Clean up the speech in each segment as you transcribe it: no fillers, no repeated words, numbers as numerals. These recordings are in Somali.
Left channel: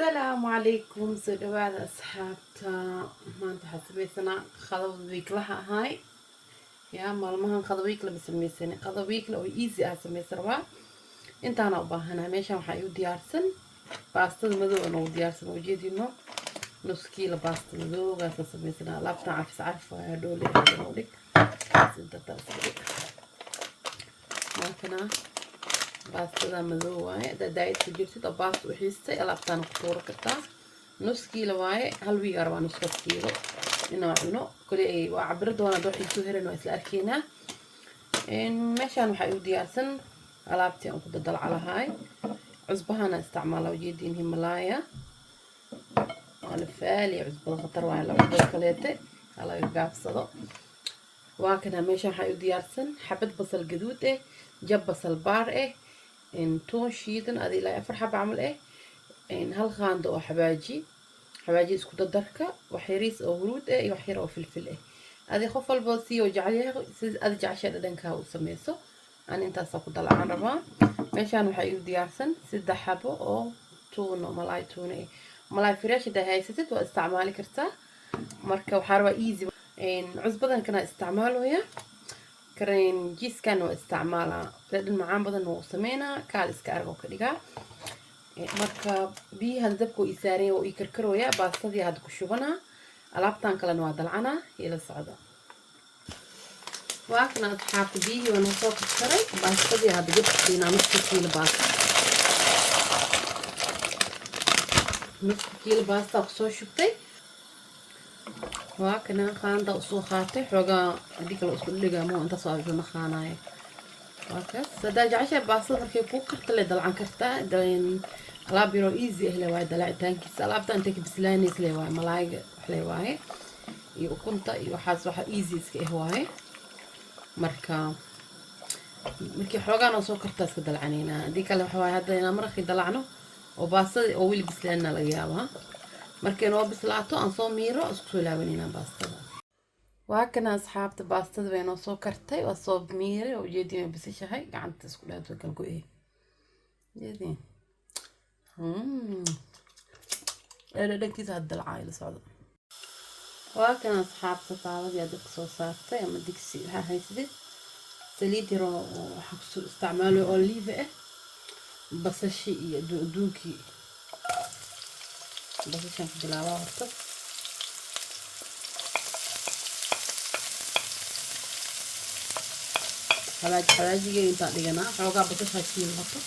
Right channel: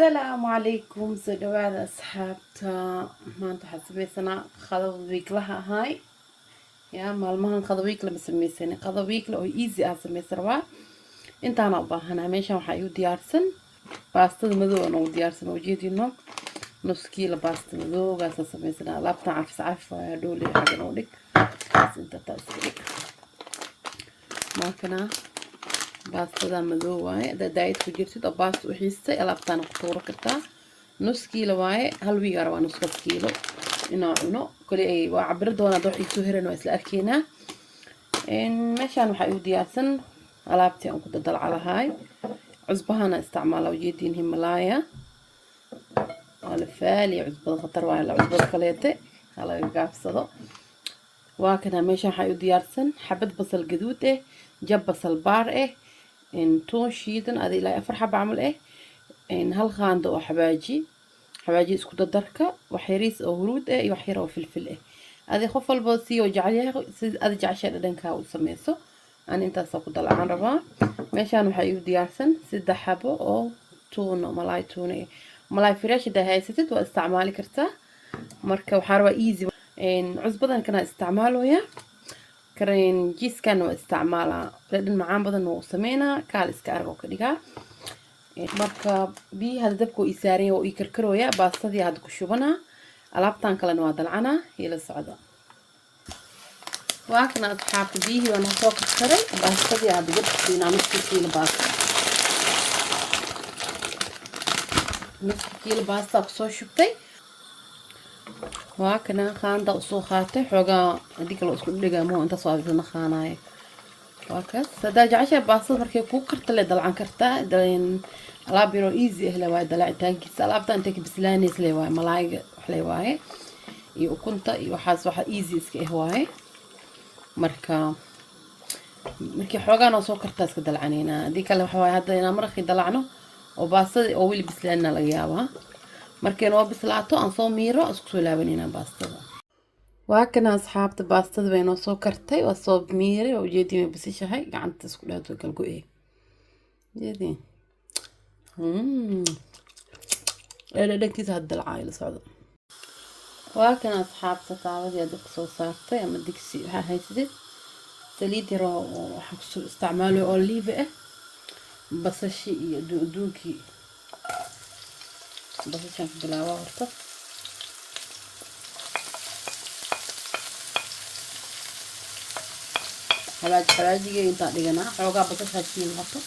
السلام عليكم سو dhawaada asxaabta maanta waxaan samaysanaa qado wiiklaha ahay yaa maalmahan qado wiikla ma samaysan qado wiikla oo easy ah samaysan rabaa intaana u baahanaa meeshan waxaa igu diyaarsan baastada madow aan ugu diyaarsan oo jeedino nus kiilo baasta madowgaas samaysanaa alaabtan cafis waa dhoole xagan u dhig sida taas markana baastada madow waaye daayid ku jirtid oo baasta u xiistay alaabtaan ku tuuro kartaa nus kiilo waaye hal wiig arabaa nus kiilo inoo cuno kali ay waa cabir doona dad xiiso heran waa isla arkeynaa meeshaan waxaa igu diyaarsan alaabtii aan ku dadalcalahay cusbahana isticmaala ujeediin Himalaya wala faali cusbada khatar waaye la cusbada kaleete hala gaabsado waa kana meeshaan waxaa igu diyaarsan xabad basal gaduud jab basal baar toon shiidan adi ilaa 4 xabo camal hal qaando oo xabaaji isku dardarka wax yariis oo huruud iyo wax yar oo filfil adi qof walba si oo jacayl sida adi jacayl dhadhanka u sameeyso aan intaas ku dalacaan rabaa meeshaan waxa igu diyaarsan 3 xabo oo toon malay fresh haysatid waa isticmaali kartaa marka waxa rabaa easy cusbadan kana isticmaalooya kareen jiiskan waa isticmaalaa dhadhan macaan badan oo sameynaa kaal iska arag oo ka dhigaa marka biyaha dabka ii saareen oo ii karkarooya baastadii had ku shubana alaabtan kalena waa dalcana ila socda waa kana asxaabta biyihii waan soo karkaray baastadii had gud nus kiilo baasta ku soo shubtay waa kana qaanda soo qaatay xogaa hadii kale isku dhigamo inta soo aragna qaanaay waa ka sada jacayl baasta markay ku karto le dalcan kartaa alaab yaro easy ah waa dalacitaankiisa alaabta inta ka bislaanaysa le waa malaayga wax le waaye iyo ukunta iyo waxaas waxa easy iska ah waaye markii xogaan soo kartaa iska dalcanayna hadii kale waxa waaye hadda inaan markii dalacno oo baastada oo wili bislaana laga yaabaa markay noo bislaato aan soo miiro isku soo laabanayna baastada waa kana asxaabta baastada way noo soo kartay waa soo miiray oo jeedii bisishahay gacanta isku dhaato kala go'ay jeedii dhadhankiisa hadda dalcay la socdo waa kana asxaabta taawada dadka soo saartay ama digsi waxa haysatid saliid yar oo waxa ku isticmaalo olive basashi iyo duuduuki basashan bilaabo horta xalaajiga inta dhigana xoogaa basasha shiil horta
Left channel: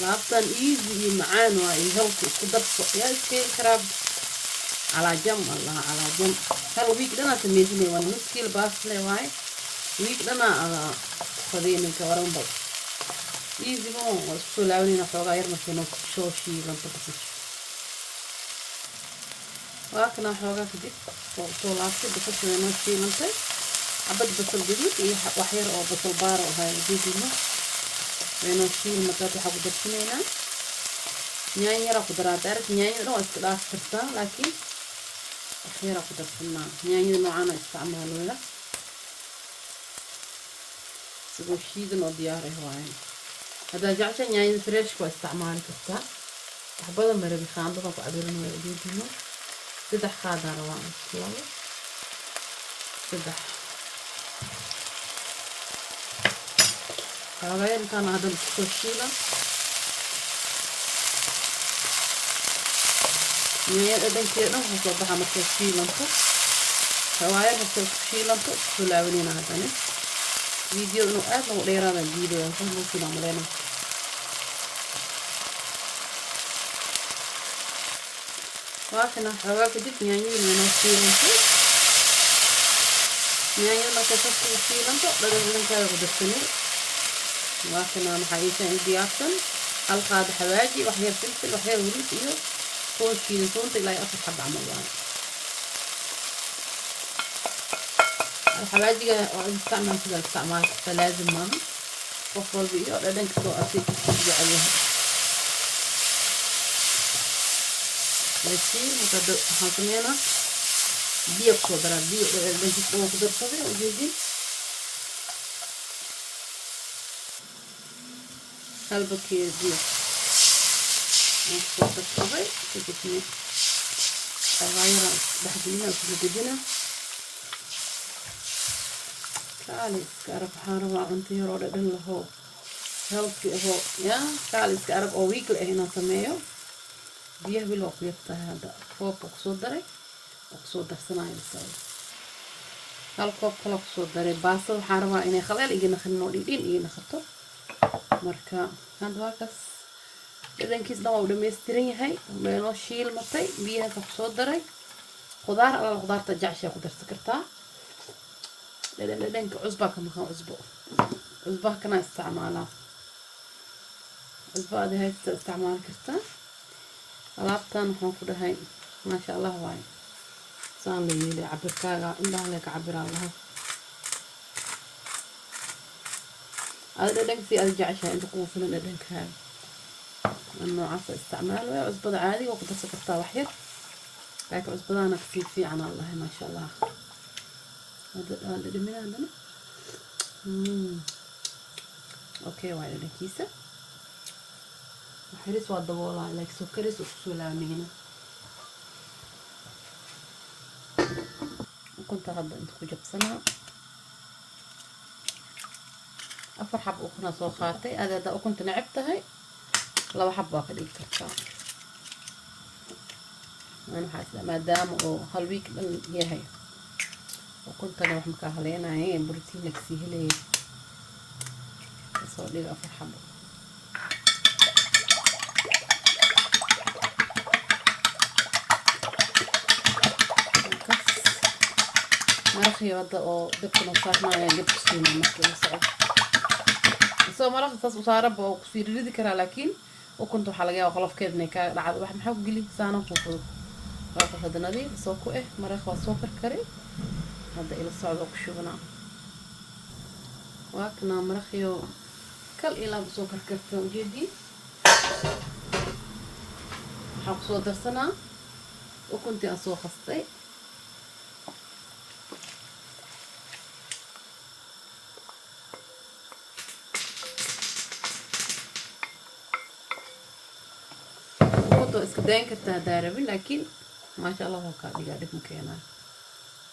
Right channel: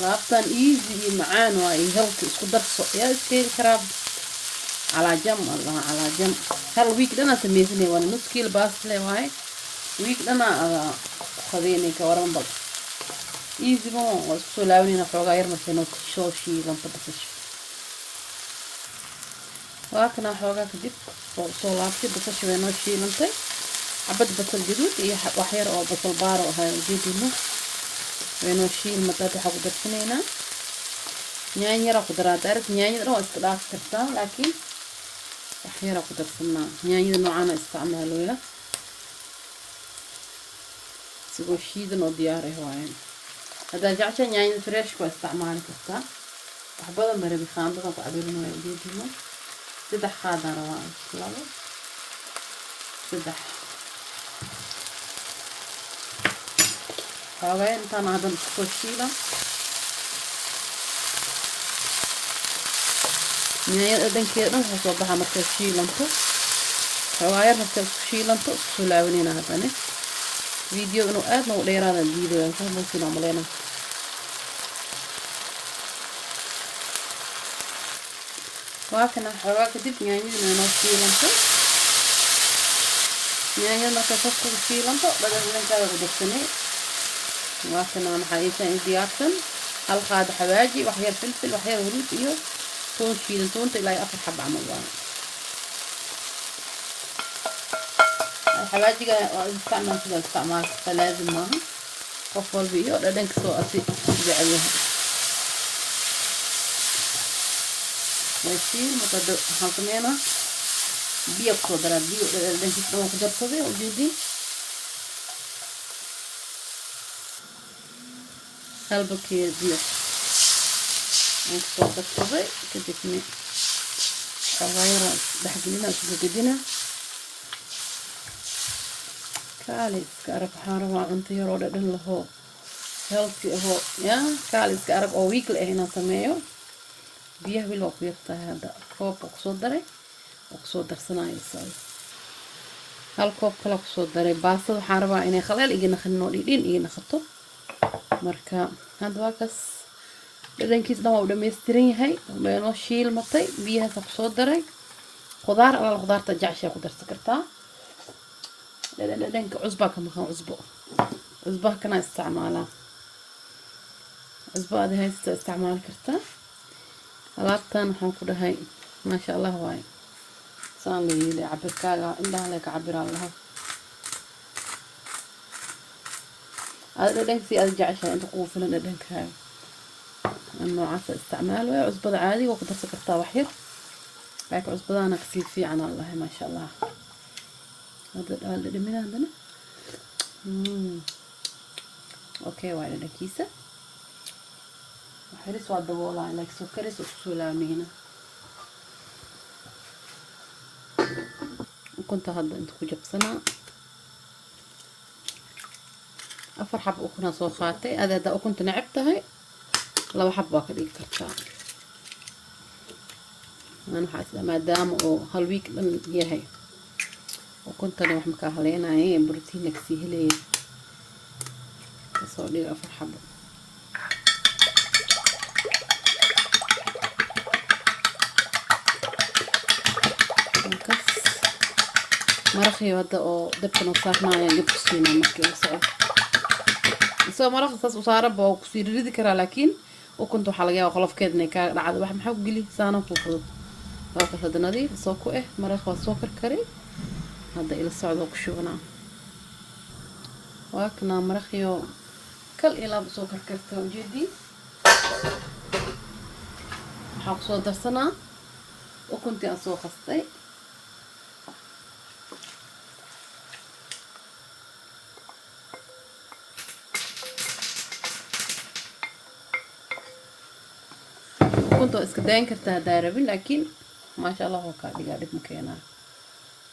laabtan easy iyo macaan waa in halka isku darso yaa iskeel karaab ala jam hal week dana sameeyay waa nus kiilo baas le waay week dana qadeenay ka waran bal easy mo soo laawina xoogaa yar markay noo soo shiilan basasha waa kana xoogaa ka dib soo laabtay basasha noo shiilantay abad basal gaduud iyo wax yar oo basal baar ah jeedino weeno shiil mata waxa ku darsanayna yaanyo yar ku daraa yaanyo oo iska dhaaf kartaa laakiin wax yar ku darsanaa yaanyo noocan isticmaaloola sidoo shiidan oo diyaar ah waaye هذا جعشان يعني فريش كويس استعمال كذا أحبذ مرة بخان بقى بعدين ما يجيبونه تدح خاضر روان يلا تدح هذا كان هذا الكوشيلا يعني أدين كده هصوبها مكوشيلا انتو هواير هالكوشيلا انتو سلاونين هذا فيديو إنه أنا وليران الفيديو إنه ممكن أعملنا واحنا حواك دي يعني من الشيلانتو يعني ما تفكر الشيلانتو بدل من كذا بدخنه واحنا أنا حقيقة عندي أحسن القاد حواجي وحير فلفل وحير ورود إياه كل شيلانتو أنت لا يأخذ حب عمله حواجي استعمال كذا استعمال فلازم ما وفر بيو لأنك سوء أسيب عليها ماشي متدق حاكمينا بيو كودرا بيو لأنك سوء كودر صدي وجيدي هل بكير دي نصوص الطبق تجيبني أغير بحجمنا وتجدنا كاليس كأرب حاروا أنت يرود إن له healthy هو يا كاليس كأرب أو weekly هنا سميه بيه بالوقت يفتح هذا كوب أقصد دري أقصد درسنا يسوي هل كوب كلا أقصد دري باصل حاروا إني خلال إجينا خلنا نريدين إجينا خطو مركا هذا واقص إذا كيس ده وده مسترين هاي بينو شيل مطي بيها أقصد دري خضار على الخضار تجعش خضار سكرتها لأنك عزبة كم كان عزبة كنا استعمالها عزبة هذه هاي استعمال كرتا لابتن حنفر هاي ما شاء الله واي صار لي عبر كاغا إلا عليك عبر الله هذا لأنك في الجعشة أنت قوفنا لأنك هاي إنه عسى استعماله عزبة عادي وقدر سكرتها وحير لكن عزبة أنا كثير فيه عن الله ما شاء الله هذا اللي من عندنا اوكي وعلى كيسه وحرس والدبوله عليك سكرس وسلامينا كنت هذا انت كجبسنا افر حب اخنا صوخاتي هذا دا كنت نعبتها لو حبه كده يفتح انا حاسه ما دام او هالويك هي هي وكنت انا واحد مكاهلين هي بروتين كسيه لي بس لي افر حبه مرخي هذا او دبت نصارنا يعني بسينا مشكلة صعب سو مرخ صاص وصار بو كسير ريدي كرا لكن وكنت حلقة وخلف كده نكا لعاد واحد محاول قلي سانا فوق باقي هذا نادي سوكو مرخ وسوكر كري هذا إلى الصعد وكشونا واكنا مرخيو كل إلى بسوكر كرتون جدي حاقصو درسنا وكنت أسوق خصتي كنت اسكدين كرتها داربين لكن ما شاء الله هو كان قاعد مكينا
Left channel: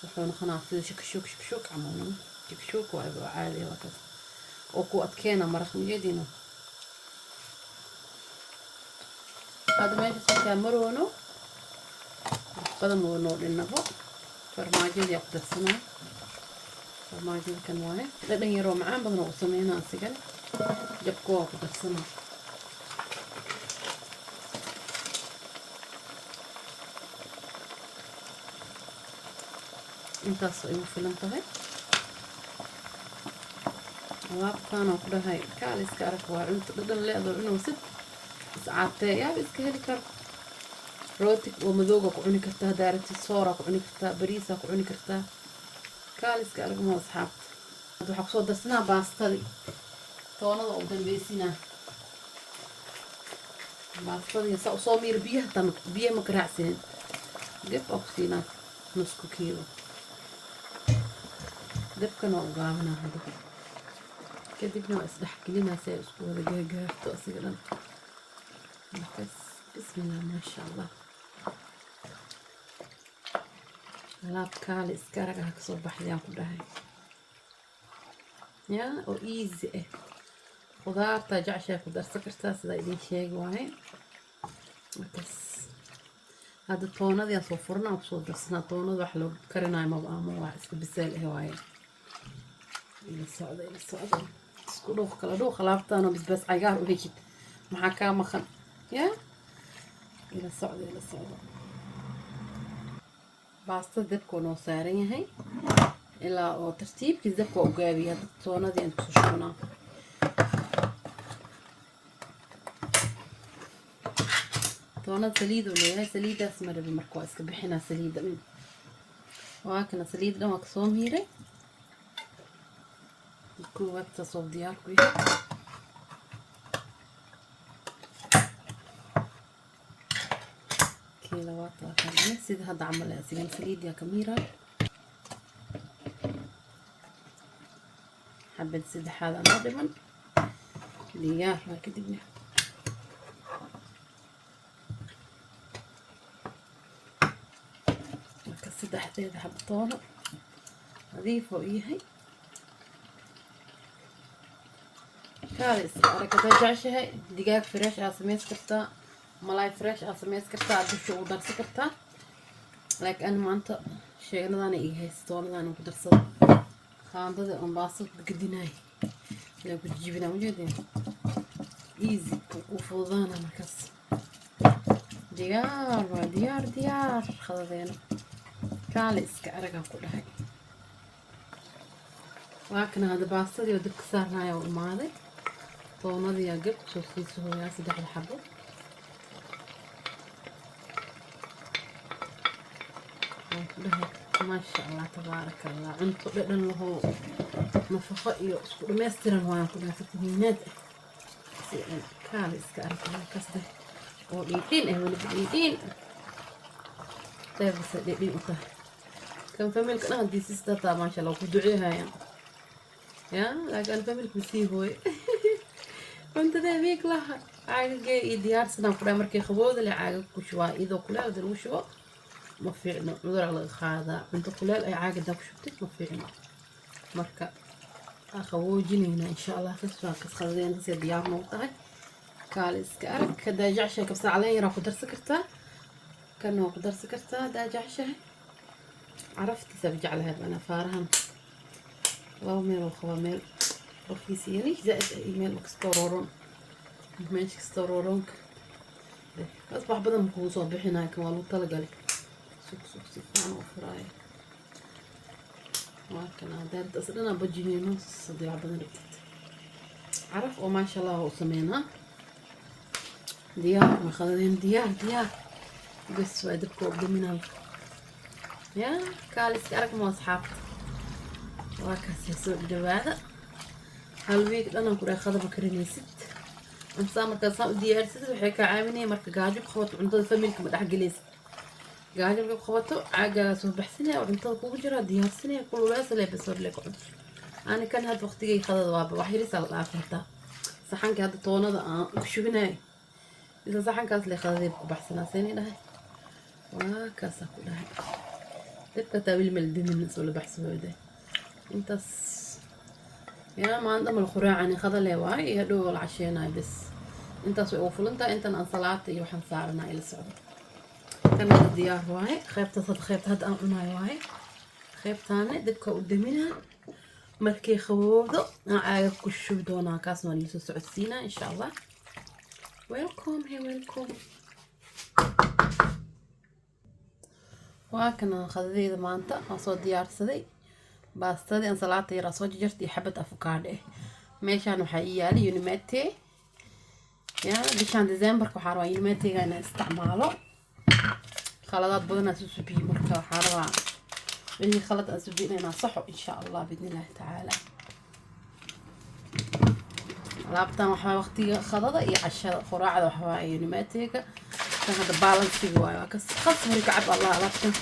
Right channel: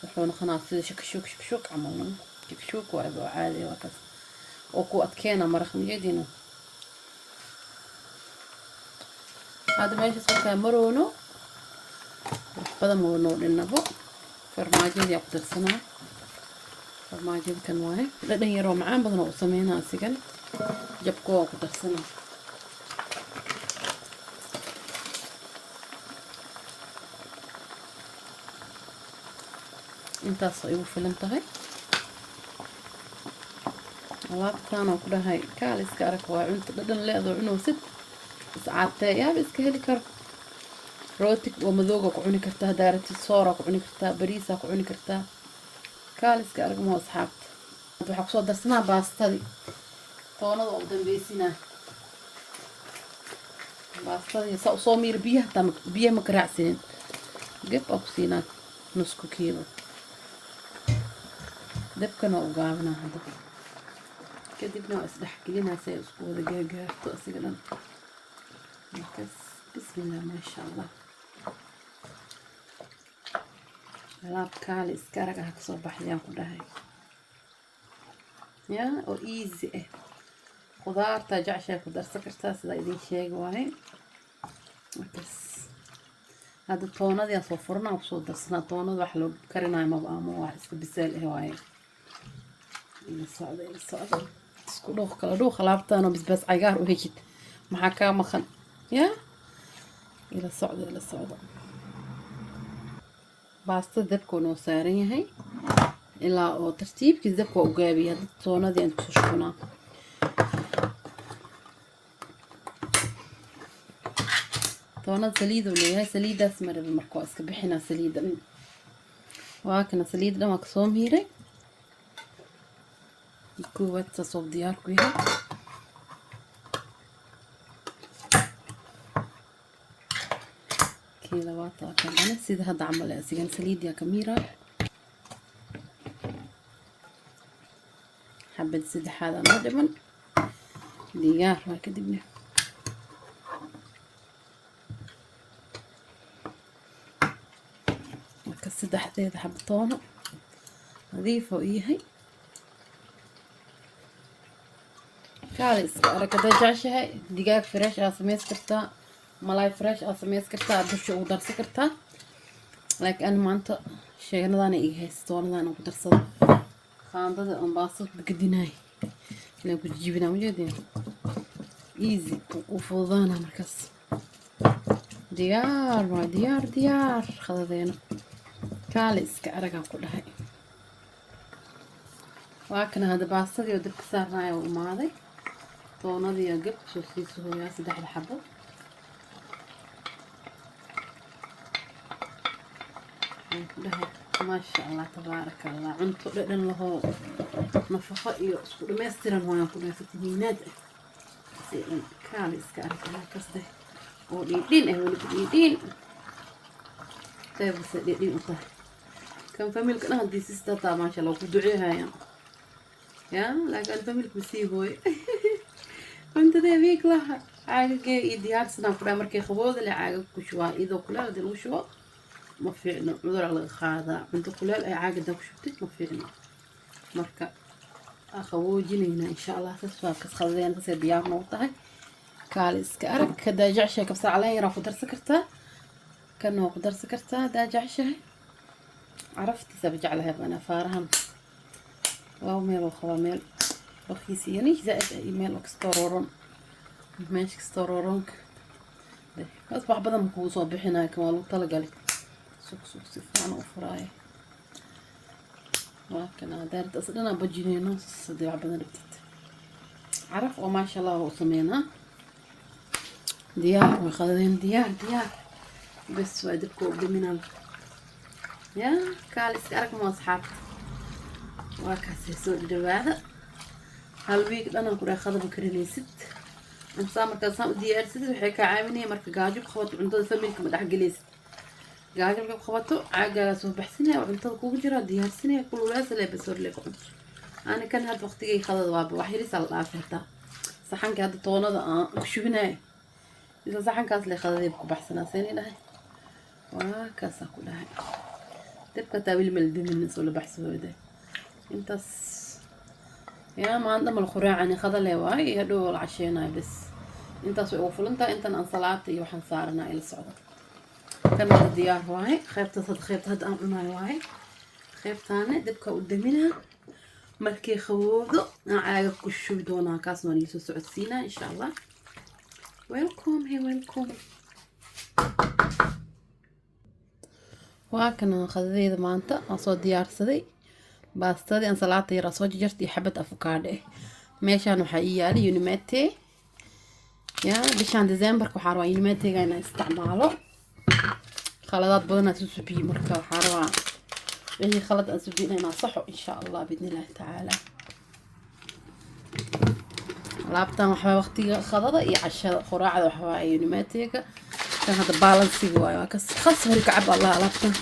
وحنا خلاص شكشوك عموما شكشوك وعادي وكذا وكو أتكينا مرخ مجدينه هذا ما يجلس مرونو قدم ونور النبو فرماجين يقدر سنة فرماجين كان واحد لأن يروم معان بدنا وسمينا سجن جبكوه قدر سنة انت صيو فيلم تغي واب كانوا كده هاي كاليس كارك وعنت بدن لا عنو ست ساعات يا بس كهلي كر روتك ومذوقك وعني كرتها دارتي صورك وعني كرتها بريسك وعني كرتها كاليس كارك مو أصحاب waxaa kusoo darsanaa baastadii toonada oo dambeysina baastadii saa usoo miir biyaha ma garaacsiinin geb aa ku siinaa nusku kiilo dabkana waa u gaabanaa hadda kadibna waa isdhexgelinaa si ay isku wada gaagaarto asiga dhan markaas bismillah maasha allah alaab kaali iska arag ah kasoo baxayaan ku dhahay يا أو إيزي خضار تاجع شيء خضار سكرتها سدا إذا شيء واهي بس هذا الطونة دي صفرنا وبصوت السنة طونة وحلو كرنا ما بقى مو واحد بسال هواي إلى الصعدة سكولوخ كلا دوخ لعبت أنا بس عجار وهيك محاكاة مخن يا إلى الصعدة باست ذبكو نو سارين هاي إلا أو ترتيب كذا وقابي هذا الطونة دي أنت تشوفونها طونة سليدة ولا هاي سليدة اسمها بالمركوز كبحنا سليدة وهاكنا سليدة مقسوم هيري كوبات تصوب ديالكو هي كيلوات وكذا سيد هذا عمل سيجان سليد يا كميرة حبة سيد هذا ما دمن diyaar waa kadibna marka saddexdeeda xabtoono nadiif oo yahay kaalis arakada jeceshahay digaag fresh aad samays kartaa malay fresh aad samays kartaa dusha ugu darsan kartaa laakiin aan maanta sheeganadaan iga haystoonadaan ugu darsado qaandada aan baasad gadinaay la ku jibinaa wajeedeen easy u fududaana markaas diyaar waa diyaar khadadeena kaaliska aragaan ku dhahay waa kana hada baasadii oo dabka saarnaayo u imaaday toonadii gab soo siisooyaa 3 xabo ما شاء الله تبارك الله عنتو ددن له نفقه iyo isku dhameystiran waan ku dhaafay كان iska kasde oo dhidhin wala dhidhin taabas dhidhin inta kan familkana hadii sista ta ma sha Allah ku duceeyay ya laakiin familku sii hooy wanta deebiik laha caaga iyo diyaarsana ku dhaa markay qabooda la caaga ku shubaa idoo kula lagu shubo ما فينا نقدر على الخاضع من دخول أي عاقد داك شفتك ما فينا مركا أخوجيني هنا إن شاء الله تسوى كسخزين تصير ديار موطعي كاليس كأرك كدا جعشة كبسة علي راح قدر سكرتها كأنه قدر سكرتها دا جعشة عرفت سبج على هذا أنا فارهم أو ميل وخواميل رخيصي يعني زائد إيميل وكستورورون ماشي كستورورون أصبح بدل مكوسو بحنا كمالو طلقالي سوق سفان وفراي لكن دارت أصلا بجيني نص صديع بنربت عرف وما شاء الله وسمينا ديار وخذين ديار بس وادركوا بدمنا يا كالس أرك ما أصحاب وكاسي سوق جواده هالويك أنا كوري خذ بكرني 6 إنسان كان ديار 6 وحكي عامني مرك جاجب خوات عنده فميك مدح جليس قاعدين بخبطوا عاقلة صبح سنة وعنتظر كوب جرا ديار سنة كل ولاس اللي بصير لك أنا كان هاد وقت جاي خذ ضواب وحيري صار عافيته صحن كهذا طونة وشو هنا إذا صحن كاس اللي خذ ذيب كوب حسنا سنة ده وكاسة كلها تبقى تاويل ملدوم الناس ولا بحسبه ده أنت يا ما عندهم الخراع يعني خذ لي واي هدول العشينا بس أنت سوفل أنت أنصلات يوحنا صارنا إلى السعودية كان ديار واي خيبت هاد أمنا واي خيبتاني دبكة قدامنا مركي خوضو عارف كشو بدونا كاسنا اللي سعود سينا إن شاء الله ويلكم هي ويلكم وكنا خذيذ مانتا وصو ديار سدي باستدي ان صلاتي راسو جرتي حبة افوكادو ميشان waxaa yaali Unimate ya bishan December ku xaro Unimate gaana isticmaalo خلطات بدنا تسبي مركا حرام هي خلط أسبينا نصحه إن شاء الله بإذن الله تعالى لابتنا وحوا وقتي خلطة يعشى خراعة وحوا عيونيماتيك كان هذا بالانسي وايا خاص هيك عب الله لابتنا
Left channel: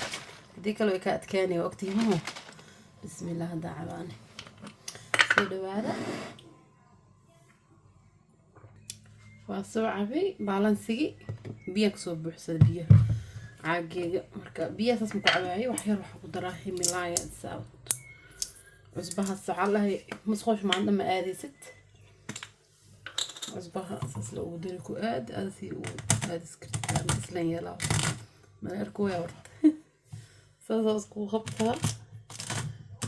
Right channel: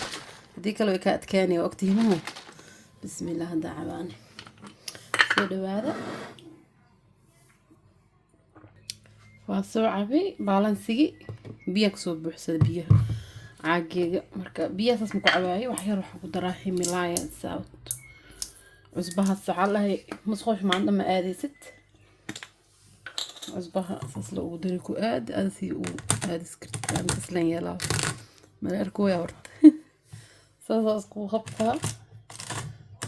ديك لو كانت كاني وقتي هو بسم الله دعواني سيدو هذا واسو عبي بالانسي بيك صوب بحسد بيه عاقيقة مركا بياساس مكعباي وحير وحا قدراحي ملايا ساوت عصبها السعالة مسخوش ما عندما آدي 6 عصبها أساس لو دريكو آدي آدي سكرت آدي سلين يلاو ملاركو يا ورد ساساسكو خبطها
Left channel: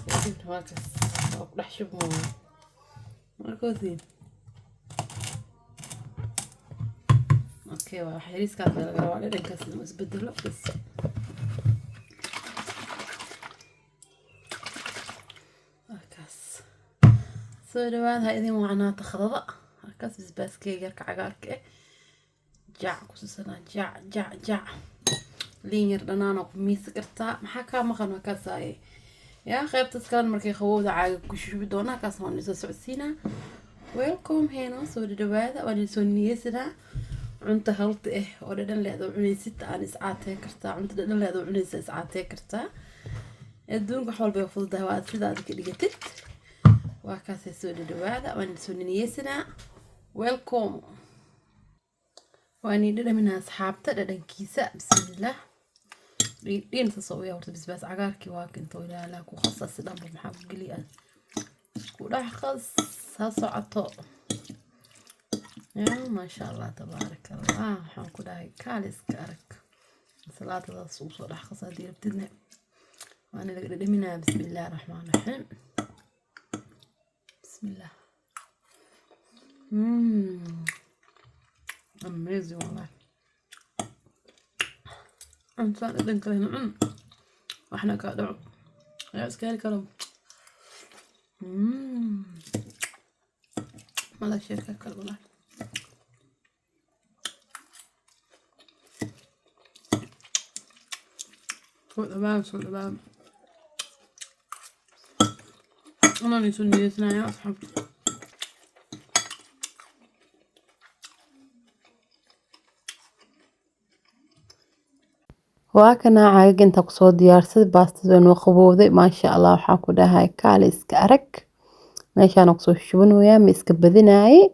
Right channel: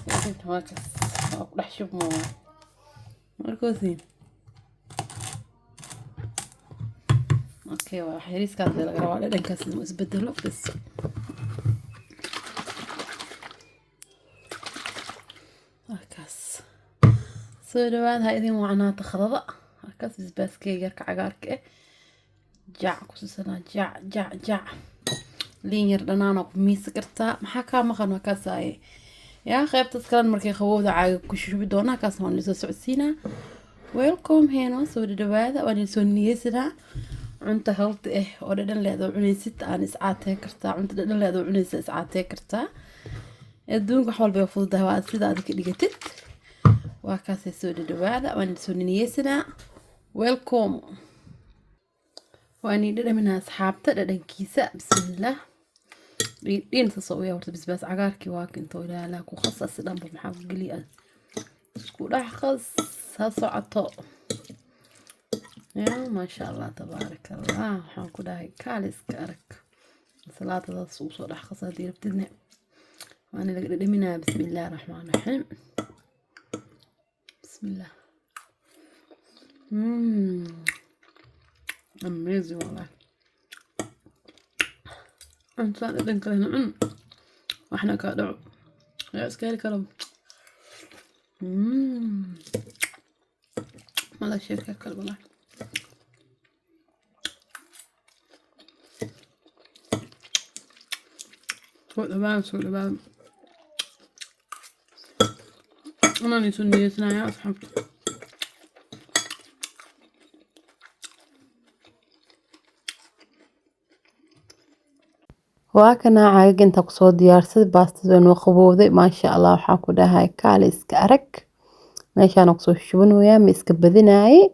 وكنت ماركس أقلح شوف ماركو ثين اوكي وحيريس كانت لقراءة لنكاس المسبدلو بس هكاس سو دوان هايدين وعناها تخرضة هكاس بسباس كي يركع عقارك جاع كسوسنا جاع لين يردنانا بميس كرتا محاكا مخان وكاساي يا خيب تسكران مركي خوودا عاقا كشوش بدونا كاس هون نسو سعسينا ويلكم هينو سو دوان واني سو نيسنا cunta halta oo dhadhan leedo cunaysid aan iscaatay kartaa cunta dhadhan leedo cunaysid iscaatay kartaa adduunka wax walba fududahay waa sida aad ka dhigatid waa kaas soo dhawaada waan soo niyeysana welcome. واني ددا منها أصحابته ددا كيسة بسم الله دين تصويا ورد بس عقاركي واكن طويلة لك وخصص دم بمحاق قليئة سكول أحخص هصعطو يا ما شاء الله تبارك الله حنكو داي كاليس كارك صلاة الصوص والأحخص هذه بتدنى وأنا ددا منها بسم الله الرحمن الرحيم بسم الله amazing والله أنت لدن كلنا وإحنا كادو يا إسكال كلام ما لا شركة كلام والله سوق الباب أنا نسون نيتنا يا أصحاب وكنا عايق انت قصود ديارسد باستدون وخبوذي ما شاء الله وحاكو داهاي كاليس كأرك ماشا نقصو الشبن ويا ميسك بذناي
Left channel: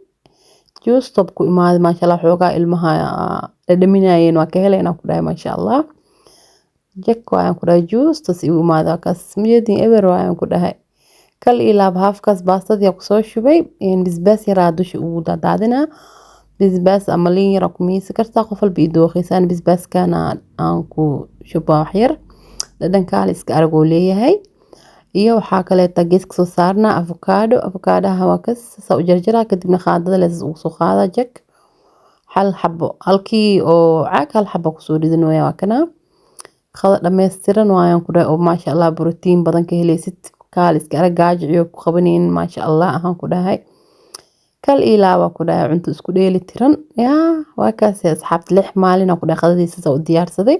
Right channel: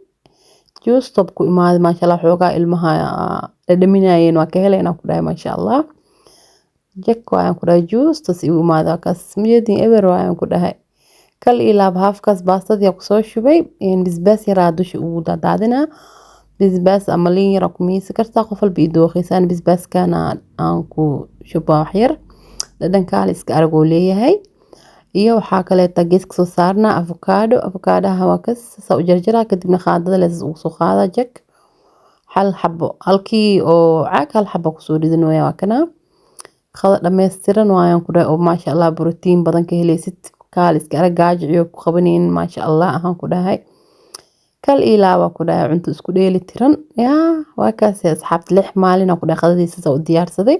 جوز طبكو إماد ما شاء الله حوقا إلمها لدمينايين وكهلين أكو داهي ما شاء الله جك وايان كو جوز تسيو إمادا كاس مجدين إبر وايان كو داهاي كل إلاب هافكاس باستد يقصو الشبي يعني بزباس يرادوش أودا دادنا بزباس أمالين يراكمي سكرتا قفل بيدو خيسان بزباس كان أنكو شبا وحير لدن كاليس كأرغو ليهي iyo waxaa kaleeta geeska soo saarnaa avokaadaha waa kas soo jarjaraa kadibna qaadada la soo qaada jak hal xabo halkii oo caag hal xabo ku soo ridin waa kana qada dhameystiran waayaan ku dhahay oo maasha Allah borotiin badan ka helaysid kaaliska aragaajo iyo ku qabaneen maasha Allah ahaan ku dhahay kal ilaaba ku dhahay cunto isku dheeli tiran yaa waa kaas asxaabta 6 maalin ku dhahay qadadiisa soo diyaarsaday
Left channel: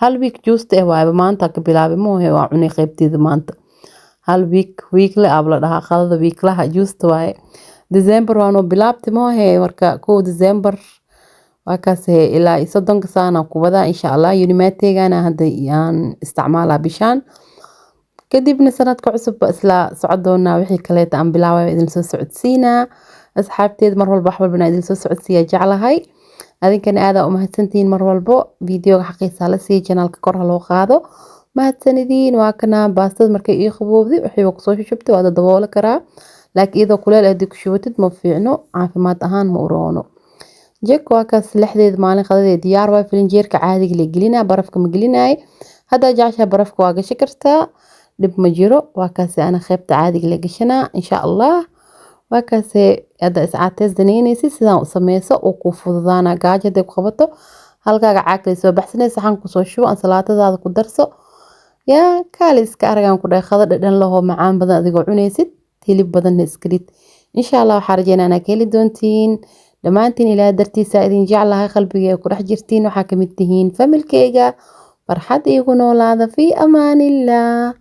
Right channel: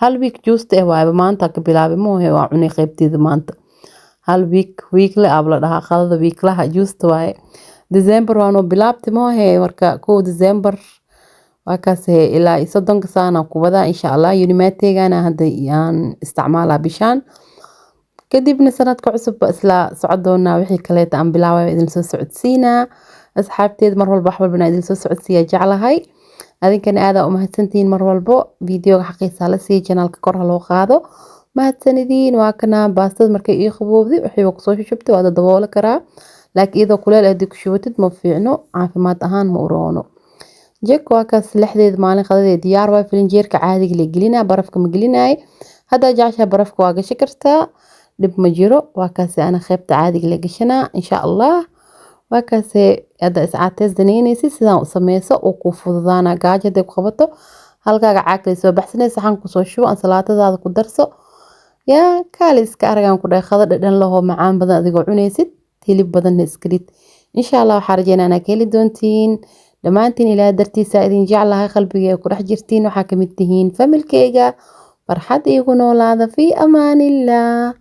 hal week juusta waayba maanta ka bilaabay moohe waa cunay qaybteeda maanta hal weekle abla dhaha qadada weeklaha juusta waaye December waano bilaabti moohe marka 1 December waa kaas ilaa 30 sano ku wada insha Allah unimateegana hadda aan isticmaalaa bishaan kadibna sanadka cusub isla socdoona wixii kale aan bilaabay idin soo socodsiina asxaabteed mar walba waxba bana idin soo socodsiya jeclahay adinkana aad u mahadsantiin mar walba fiidiyoga xaqiiqsa la sii channelka kor loo qaado mahadsanidin waa kana baastada markay ii qaboobdi waxay ku soo shubtay waa dabool karaa laakiin iyadoo kuleel aad ku shubatid ma fiicno caafimaad ahaan ma uroono jek waa kaas lixdeed maalin qadada diyaar waa filinjeerka caadiga la gelinaa barafka ma gelinaay hada jaasha barafka waa gashi kartaa dib ma jiro waa kaas ana qaybta caadiga la gashanaa insha Allah waa kaas hada iscaateys daneynaysi sidaan u sameeyso oo ku fududaana gaajada ku qabato halkaaga caag la soo baxsanay saxan ku soo shubo salaatadaada ku darso yaa kaaliska aragan ku dhahay qada dhadhan laho macaan badan adigoo cunaysid hilib badan iskrid insha Allah waxa rajeynaa inaad heli doontiin dhamaantiin ilaa dartiisa idin jeclahay qalbiga ku dhex jirtiin waxa kamid tihiin familkeyga farxad igu noolaada fi amaanillah